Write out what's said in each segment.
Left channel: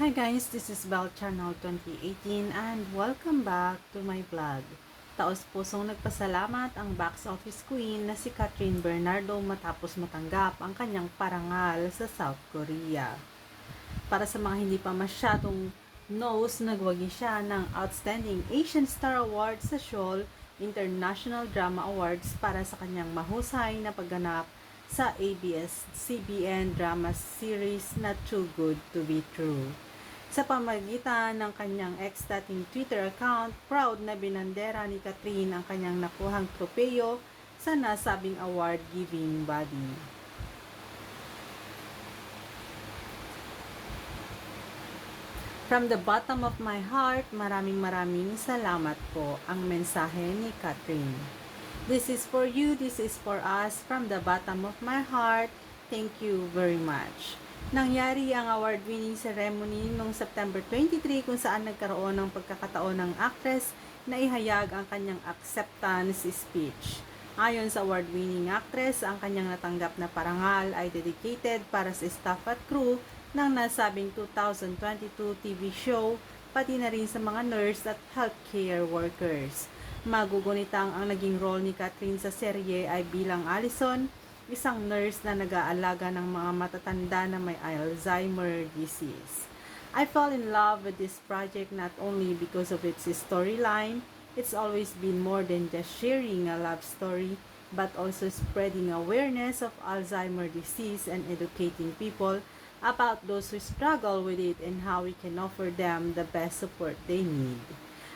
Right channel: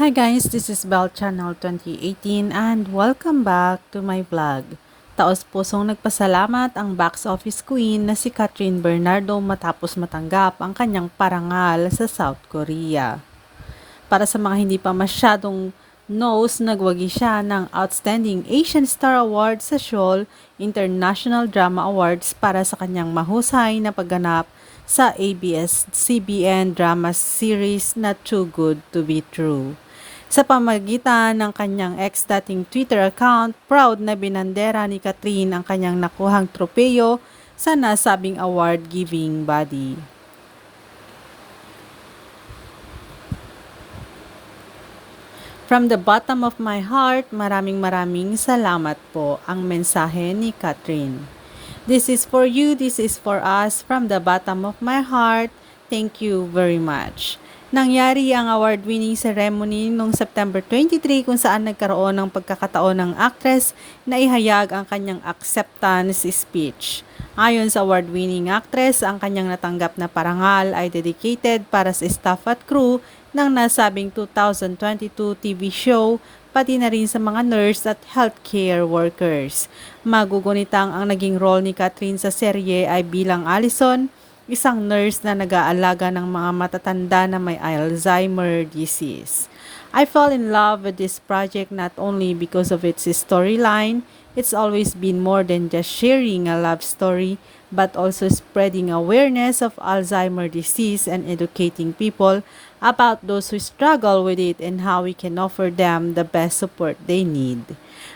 Hi guys, this is Bell Channel 2018 and welcome back to my vlog. Taos pusong nagpasalamat ang box office queen na si Catherine Bernardo matapos matanggap ang kanyang parangal sa South Korea. Para sa mga hindi pa masyadong knows, nagwagi siya ng Outstanding Asian Star Award sa Seoul International Drama Awards para sa kanyang mahusay na pagganap sa ABS-CBN drama series na Too Good to Be True. Sa pamagitan ng kanyang ex-dating Twitter account, proud na binandera ni Catherine ang kanyang nakuhang tropeyo sa nasabing award-giving body. From the bottom of my heart, maraming maraming salamat po ang mensahe ni Catherine. This is for you, this is for us, from the bottom of my heart, thank you very much. Nangyari ang award-winning ceremony noong September 23 kung saan nagkaroon ng pagkakataon ng actress na ihayag ang kanyang acceptance speech. Ayon sa award-winning actress, ang kanyang natanggap na parangal ay dedicated para sa staff at crew ng nasabing 2022 TV show pati na rin sa mga nurse at healthcare workers. Magugunitang ang naging role ni Catherine sa serye ay bilang Allison, isang nurse na nag-aalaga ng mga matatanda na may Alzheimer disease. I fell in love with this project not only because of its storyline, it's always been more than just sharing a love story, but also spreading awareness of Alzheimer disease and educating people about those who struggle with it and how we can offer them the best support they need.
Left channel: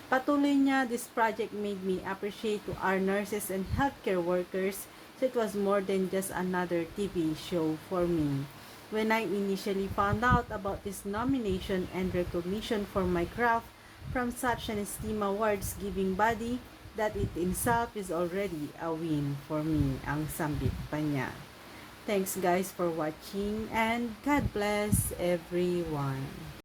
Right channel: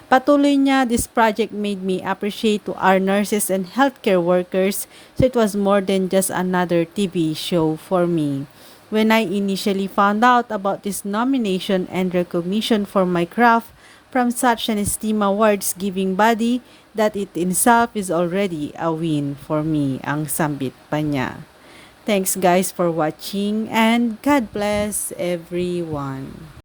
Patuloy niya, this project made me appreciate to our nurses and healthcare workers, so it was more than just another TV show for me. When I initially found out about this nomination and recognition for my craft from such an esteemed awards giving body, that it itself is already a win for me, ang sambit pa niya. Thanks guys for watching and God bless everyone.